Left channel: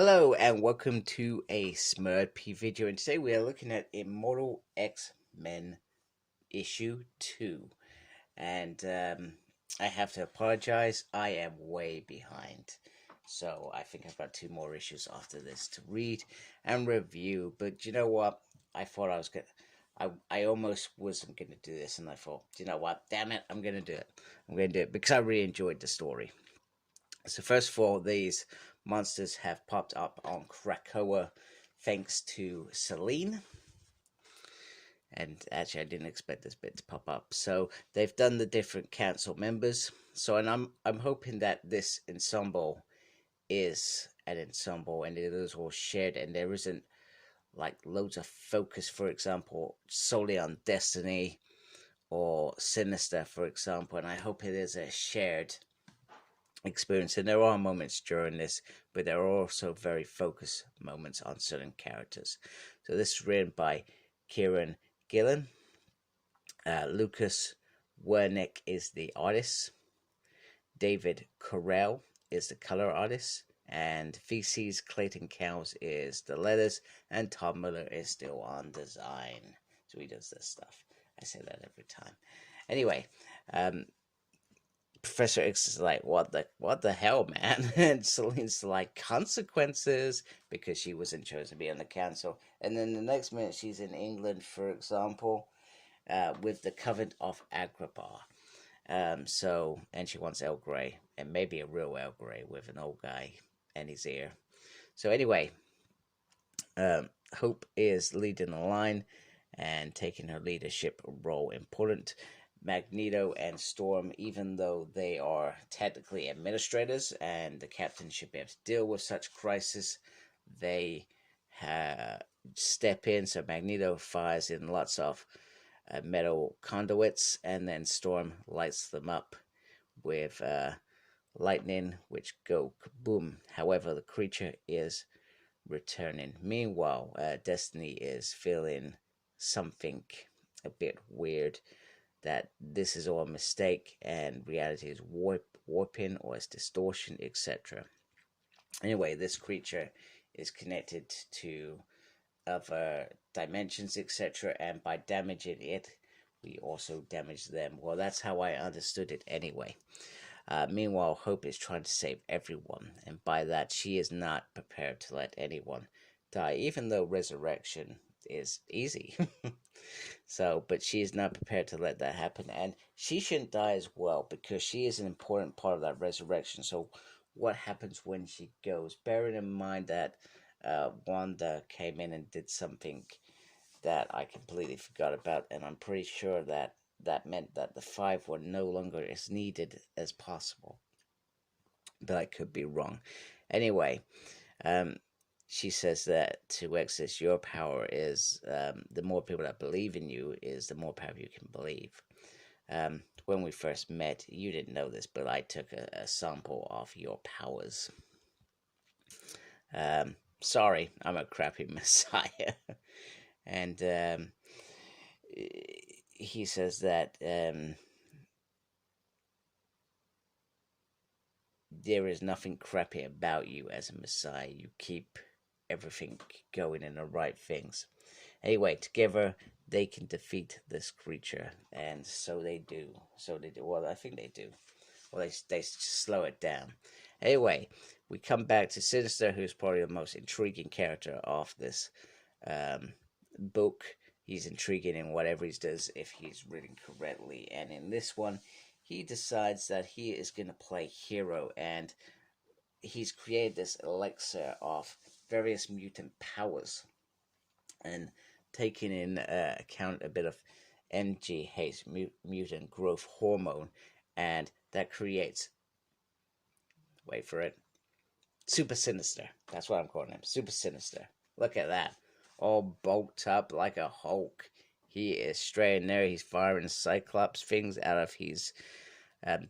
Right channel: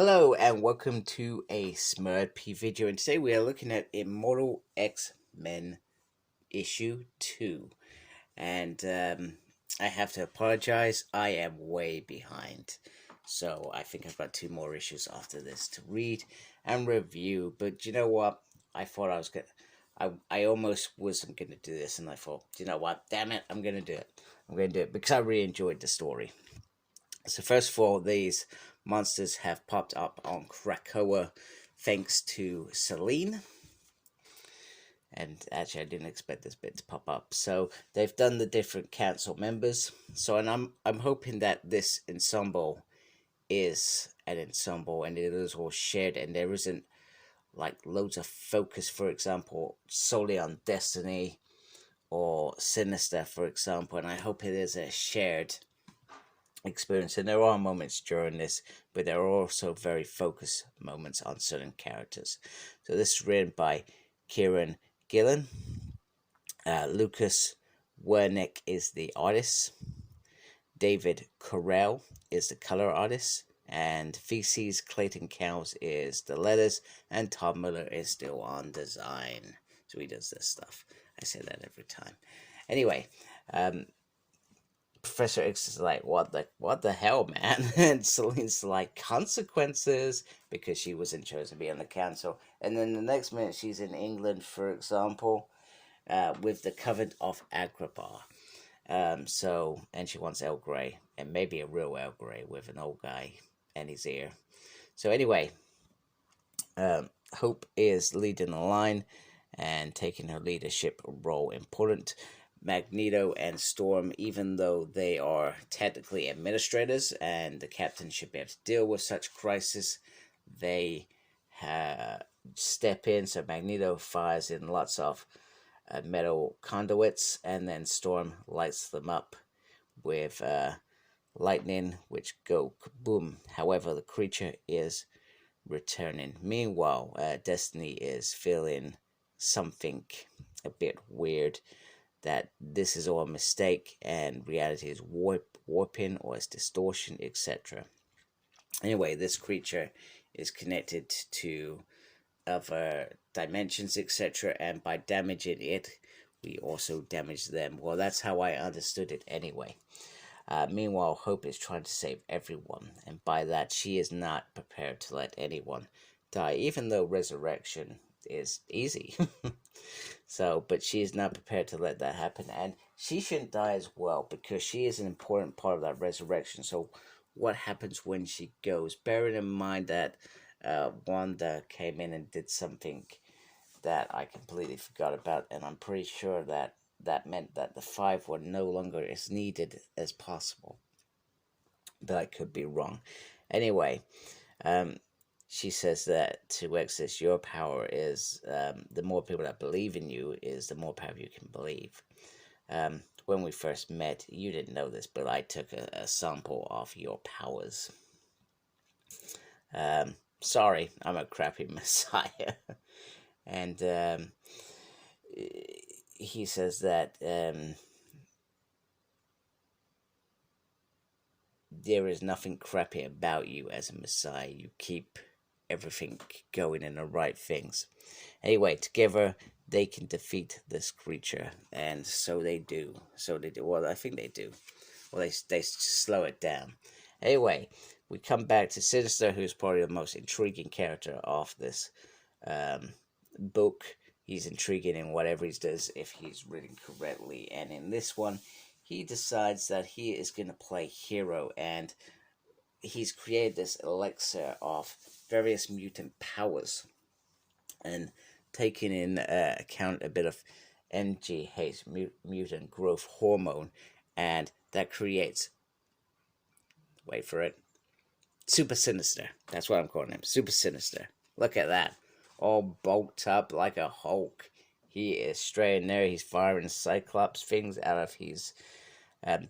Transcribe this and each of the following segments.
Hello and welcome to a Smurp video, and today we are looking at Immortal X-Men issue 2. And I have to apologize, I am way behind. So I think I've got 2 more issues after this to read and review. But you know what? I thought I was gonna I almost wasn't gonna do this, and I thought, you know what, damn it, I'm gonna do it. I'm gonna do it because I really enjoyed the story. So first of all, these monsters have popped up on Krakoa thanks to Selene. And actually, I didn't expect this bit to pop up. So they've done the different council members. So, and I'm hoping that this ensemble is an ensemble and it is all shared, and there isn't like loads of focus, for example, solely on Destiny or Sinister, for example. And I hope it is a shared experience, and there are moments during this, but there are also very focused moments on certain characters. So this is written by Kieran Gillen. Lucas Wernick is the artist. David Carell is the color artist, and VC's Clayton Cowles is the letters, and Tom Miller is still on design. So he does this stuff. I say that every time. Anyway, Professor X is like, what the hell, man? And Celine's like, consequences, because she wasn't chosen to be on the council. And then the next minute, she's in England, for example, with the Covenant of Agrabah. And she wants El Grey, and maybe a real El Grey with an old guy and his ear. So anyway, Hope is leading the line and taking her leadership role important. Magneto and Storm, even though they are technically administrators and the captain should be able to deal with such crisis, they step in. So Magneto fires in lots of metal conduits, and then Storm lights them up with lightning, which go kaboom. However, the creature is returning. Meanwhile, Destiny is feeling something a bit weird, that this is all a mistake and reality is warping or it's distortion, etc. Anyway, this creature is connected to other dimensions, etc., and by damaging it, we also damage them. Well, that's how I understood it anyway. Meanwhile, Hope is trying to save everyone, and by that, she is not prepared to let anyone die, even though resurrection is easy. So, but she is not prepared to let that happen, and she shouldn't die as well, because she is an important part of that resurrection. So what happens when she goes? Bearing in mind that Wanda came in and did something that I completely forgot about, and I'm pretty sure that that meant that the 5 were no longer as needed as possible, but I could be wrong. Anyway, she says that to Exodus, your power is, the more people that believe in you is the more power you can believe. When we first met, you didn't know this, but I took a sample of your powers. Sorry, I'm a crappy messiah. And he says that there is nothing crappy about you as a messiah. You keep everything going in the right things. Anyway, together they can defeat this creature, and so they do. Well, I think they do. Well, they slow it down. Anyway, we come back to Sinister, who's probably the most intriguing character of this book. He's intriguing in whatever he does, if he's written correctly. And in this one, he decides that he is going to play hero, and he's created this elixir of various mutant powers, and taking in account a bit of MGH, mutant growth hormone, and that creates, wait for it, Super Sinister. That's what I'm calling him, Super Sinister. Look at that, all bulked up like a Hulk. He is straight in there. He's firing Cyclops things out of his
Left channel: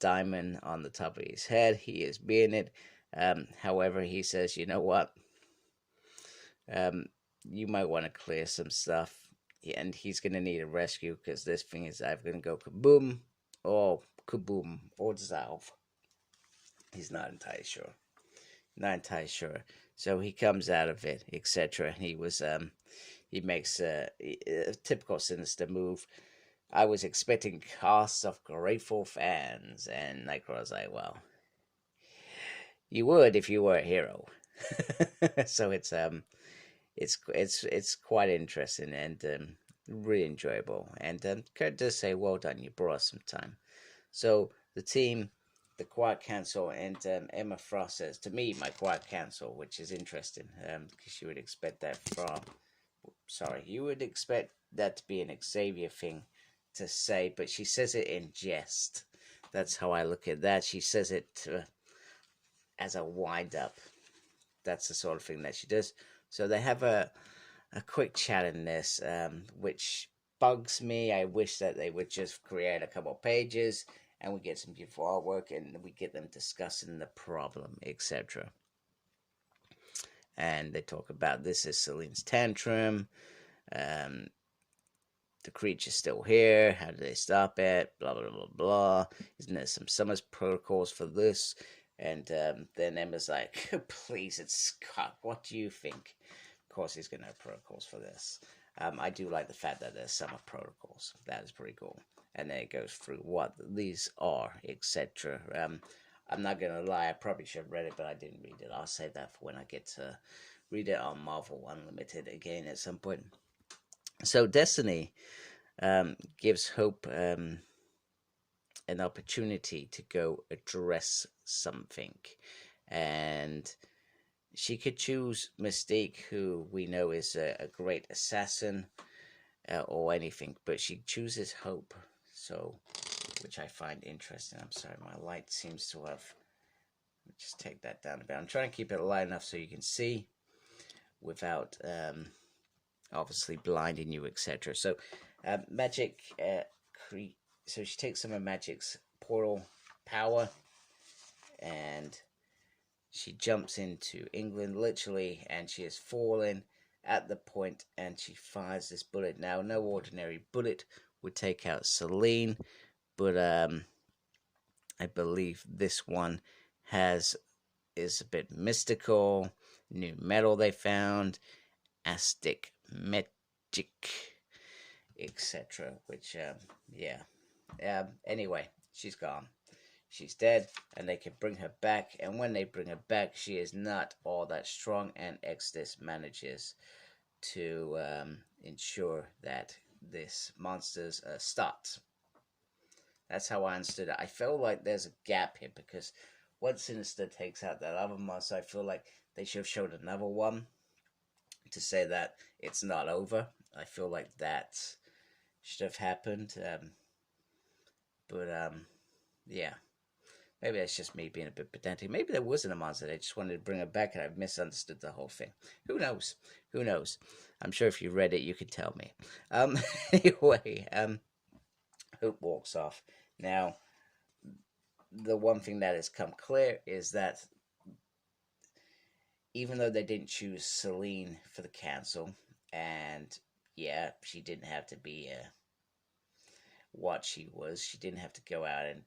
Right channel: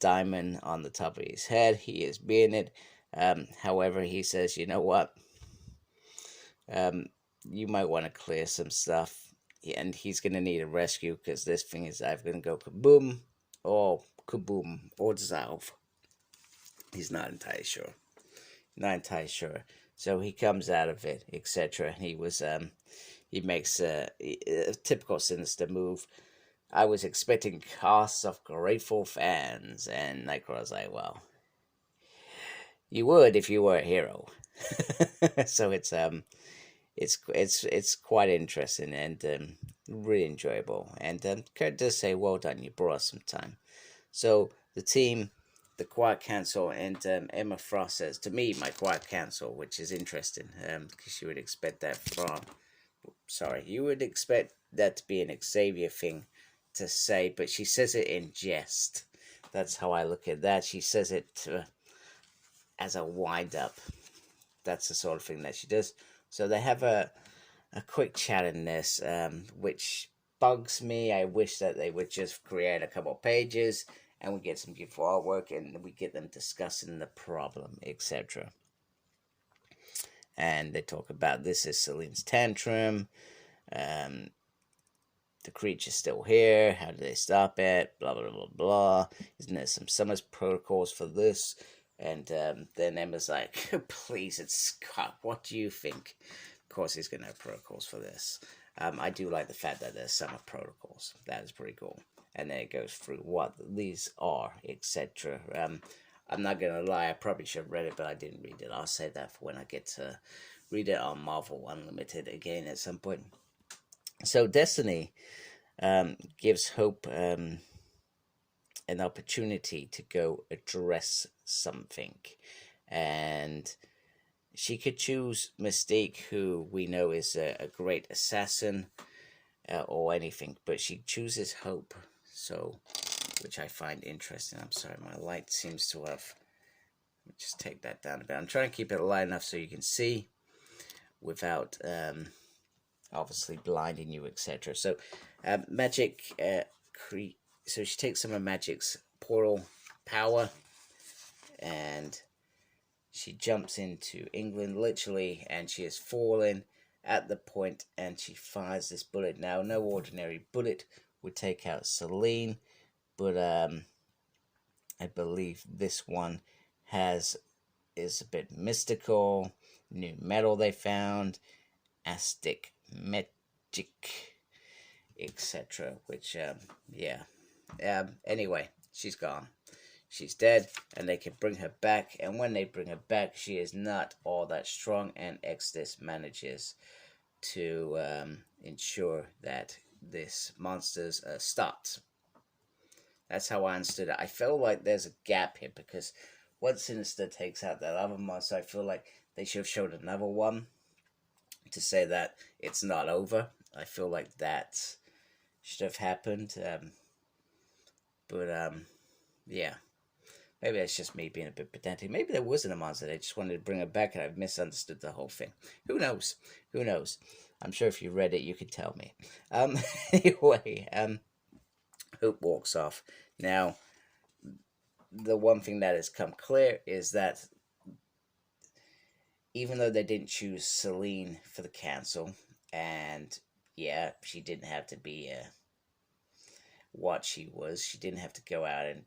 diamond on the top of his head. He is being it. However, he says, you know what? You might want to clear some stuff. And he's going to need a rescue, because this thing is either going to go kaboom or dissolve. He's not entirely sure. not entirely sure. So he comes out of it, etc. He was he makes a typical Sinister move. I was expecting casts of grateful fans, and Nightcrawler was like, "Well, you would if you were a hero." So it's quite interesting and really enjoyable. And Kurt does say, "Well done, you brought us some time." So the team, the Quiet Council, and Emma Frost says to me, "My Quiet Council," which is interesting because you would expect that from. Sorry, you would expect that to be an Xavier thing to say, but she says it in jest. That's how I look at that. She says it as a wind up. That's the sort of thing that she does. So they have a quick chat in this, which bugs me. I wish that they would just create a couple pages and we get some beautiful artwork and we get them discussing the problem, etc. And they talk about this is Celine's tantrum. Um, the creature's still here. How do they stop it? Blah blah blah blah. Isn't there some Summers protocols for this? And then Emma's like, "Please, it's Scott. What do you think?" Of course, he's gonna have protocols for this. I do like the fact that there's Summer protocols. That is pretty cool. And then it goes through what these are, etc. I'm not gonna lie. I probably should have read it, but I didn't read it. I'll save that for when I get to read it on Marvel Unlimited again at some point. So Destiny gives Hope an opportunity to go address something. And she could choose Mystique, who we know is a great assassin, or anything, but she chooses Hope. So, which I find interesting. I'm sorry, my light seems to have. Let me just take that down a bit. I'm trying to keep it light enough so you can see without obviously blinding you, etc. So, magic. So she takes some of Magic's portal power, and she jumps into England literally, and she is falling at the point, and she fires this bullet. Now, no ordinary bullet would take out Celine, but I believe this one is a bit mystical. New metal they found, Aztec magic, etc. Which yeah. Anyway, she's gone. She's dead, and they can bring her back. And when they bring her back, she is not all that strong, and Exodus manages to ensure that this monster's stopped. That's how I understood it. I feel like there's a gap here because once Sinister takes out that other monster, I feel like they should have showed another one to say that it's not over. I feel like that should have happened. But yeah. Maybe that's just me being a bit pedantic. Maybe there wasn't a monster. They just wanted to bring it back and I misunderstood the whole thing. Who knows? Who knows? I'm sure if you read it, you could tell me. Anyway, Hope walks off. Now, the one thing that has come clear is that even though they didn't choose Celine for the council, and yeah, she didn't have to be what she was. She didn't have to go out and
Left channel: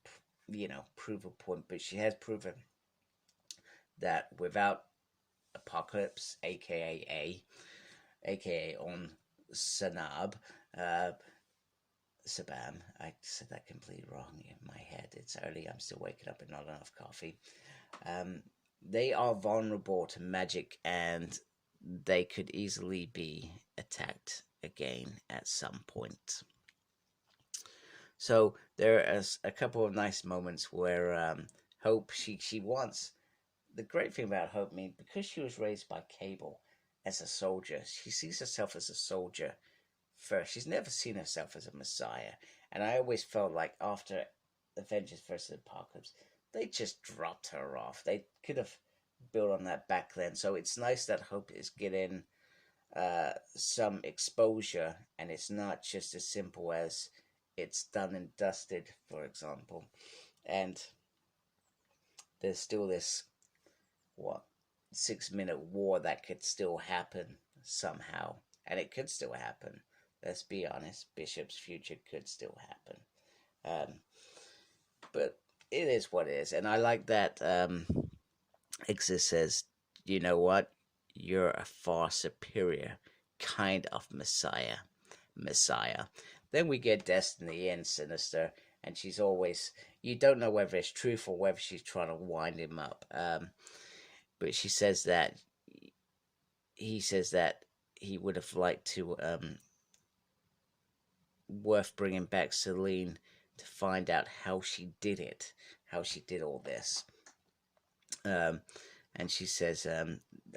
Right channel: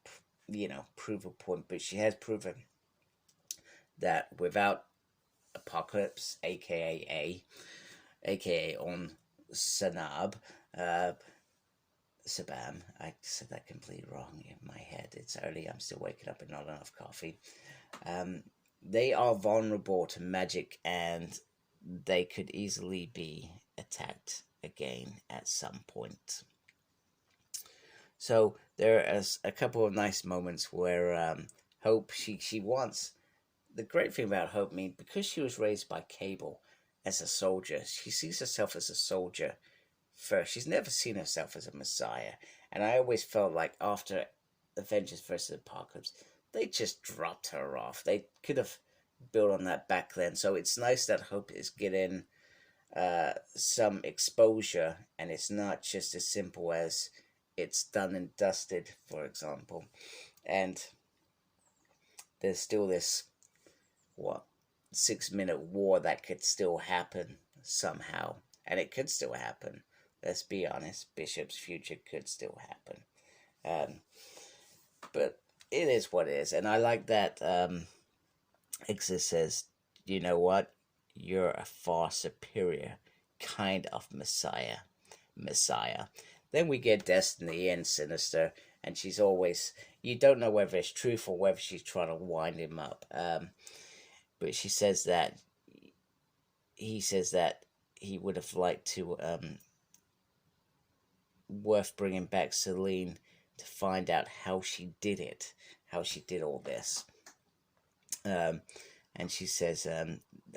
prove a point, but she has proven that without Apocalypse, aka on Sanab, Sabam, I said that completely wrong in my head. It's early, I'm still waking up and not enough coffee. They are vulnerable to magic and they could easily be attacked again at some point. So there is a couple of nice moments where Hope, she wants, the great thing about Hope, because she was raised by Cable as a soldier, she sees herself as a soldier first. She's never seen herself as a messiah. And I always felt like after Avengers vs. Apocalypse, they just dropped her off. They could have built on that back then. So it's nice that Hope is getting some exposure, and it's not just as simple as it's done and dusted, for example. And there's still this 6-minute war that could still happen somehow, and it could still happen. Let's be honest, Bishop's future could still happen. But it is what it is, and I like that Ixis says, you know what? You're a far superior kind of Messiah. Then we get Destiny and Sinister, and she's always, you don't know whether it's truth or whether she's trying to wind him up. But she says that he says that he would have liked to, worth bringing back Celine to find out how she did it, how she did all this. And she says,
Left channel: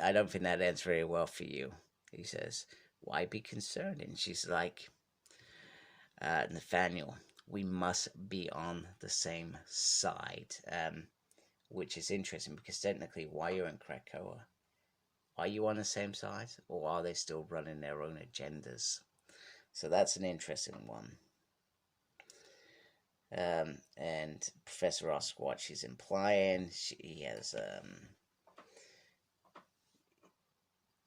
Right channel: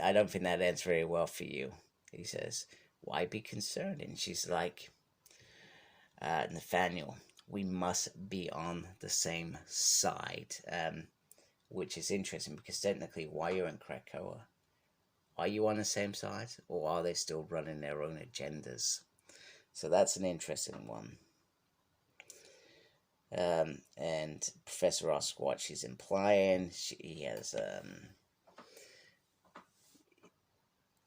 I don't think that ends very well for you. He says, why be concerned? And she's like, Nathaniel, we must be on the same side. Which is interesting because technically, while you're in Krakoa, are you on the same side, or are they still running their own agendas? So that's an interesting one. And Professor asks what she's implying.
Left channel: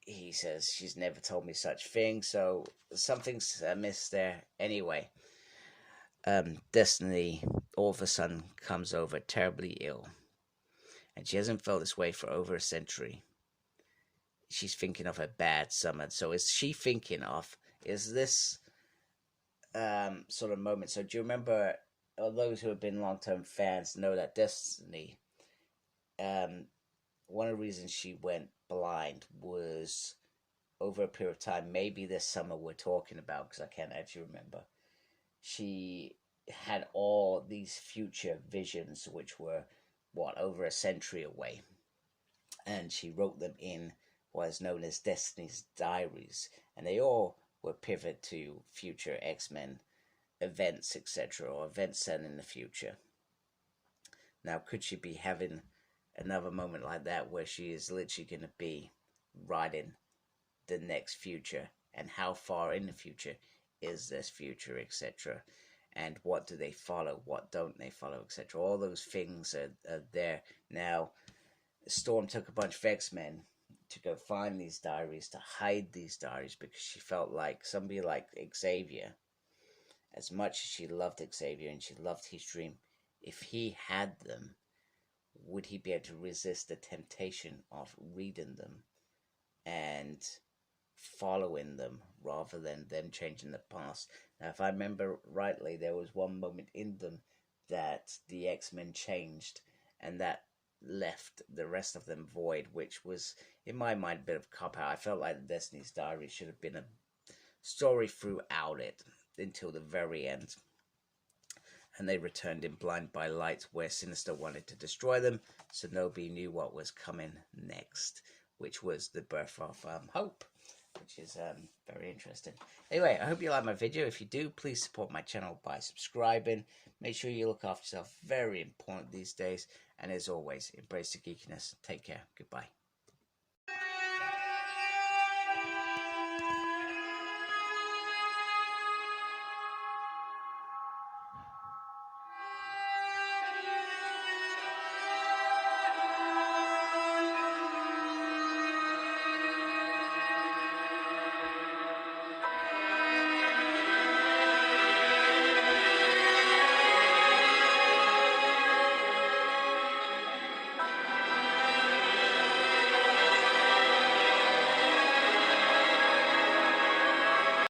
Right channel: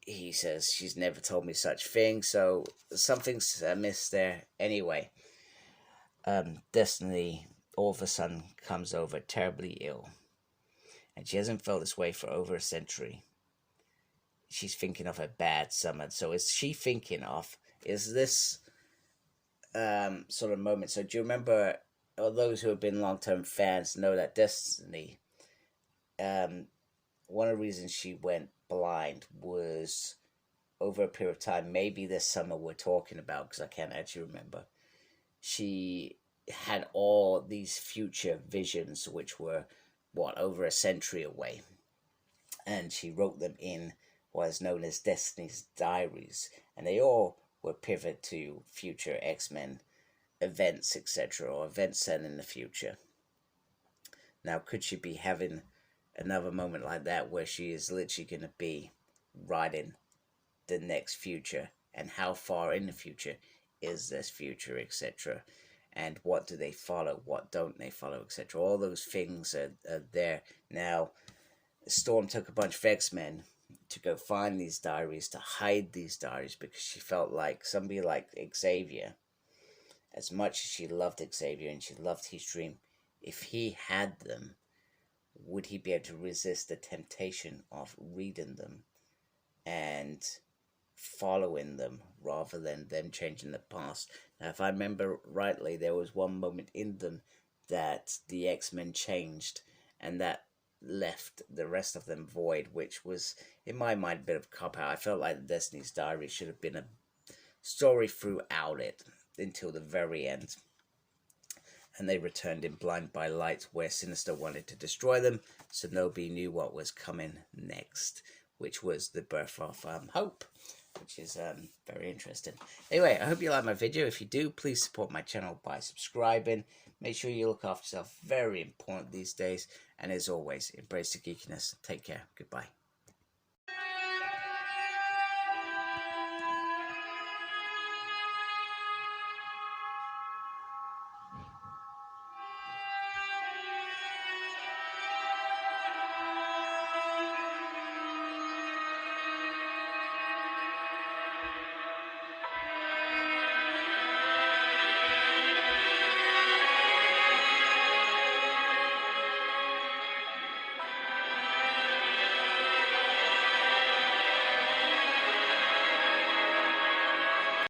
He says she's never told me such thing, so something's amiss there. Anyway, Destiny all of a sudden comes over terribly ill, and she hasn't felt this way for over a century. She's thinking of a bad summer. So is she thinking of, is this sort of moment? So do you remember, those who have been long-term fans know that Destiny, one of the reasons she went blind was over a period of time, maybe this summer we're talking about, because I can't actually remember. She had all these future visions, which were, over a century away. And she wrote them in what is known as Destiny's Diaries. And they all were pivot to future X-Men events, etc., or events set in the future. Now, could she be having another moment like that where she is literally going to be writing the next future, and how far in the future is this future, etc., and what do they follow, what don't they follow, etc. All those things are there. Now, Storm took a bunch of X-Men to go find these diaries, to hide these diaries, because she felt like somebody like Xavier, as much as she loved Xavier and she loved his dream, if he had them, would he be able to resist the temptation of reading them and following them rather than them changing the past? Now, if I remember rightly, there was one moment in them that the X-Men changed, and that left the rest of them void, which was, in my mind, a bit of a cop-out. I felt like Destiny's Diary should have been a story throughout it until the very end. And they returned in Blind by Light, where Sinister wanted to destroy them, so nobody knew what was coming next, which was the birth of Hope, which is very interesting. Anyway, I hope you like my video. If you do, please support my channel by subscribing. Make sure you look after yourself. Very important these days. And as always, embrace the geekiness. Take care. Goodbye.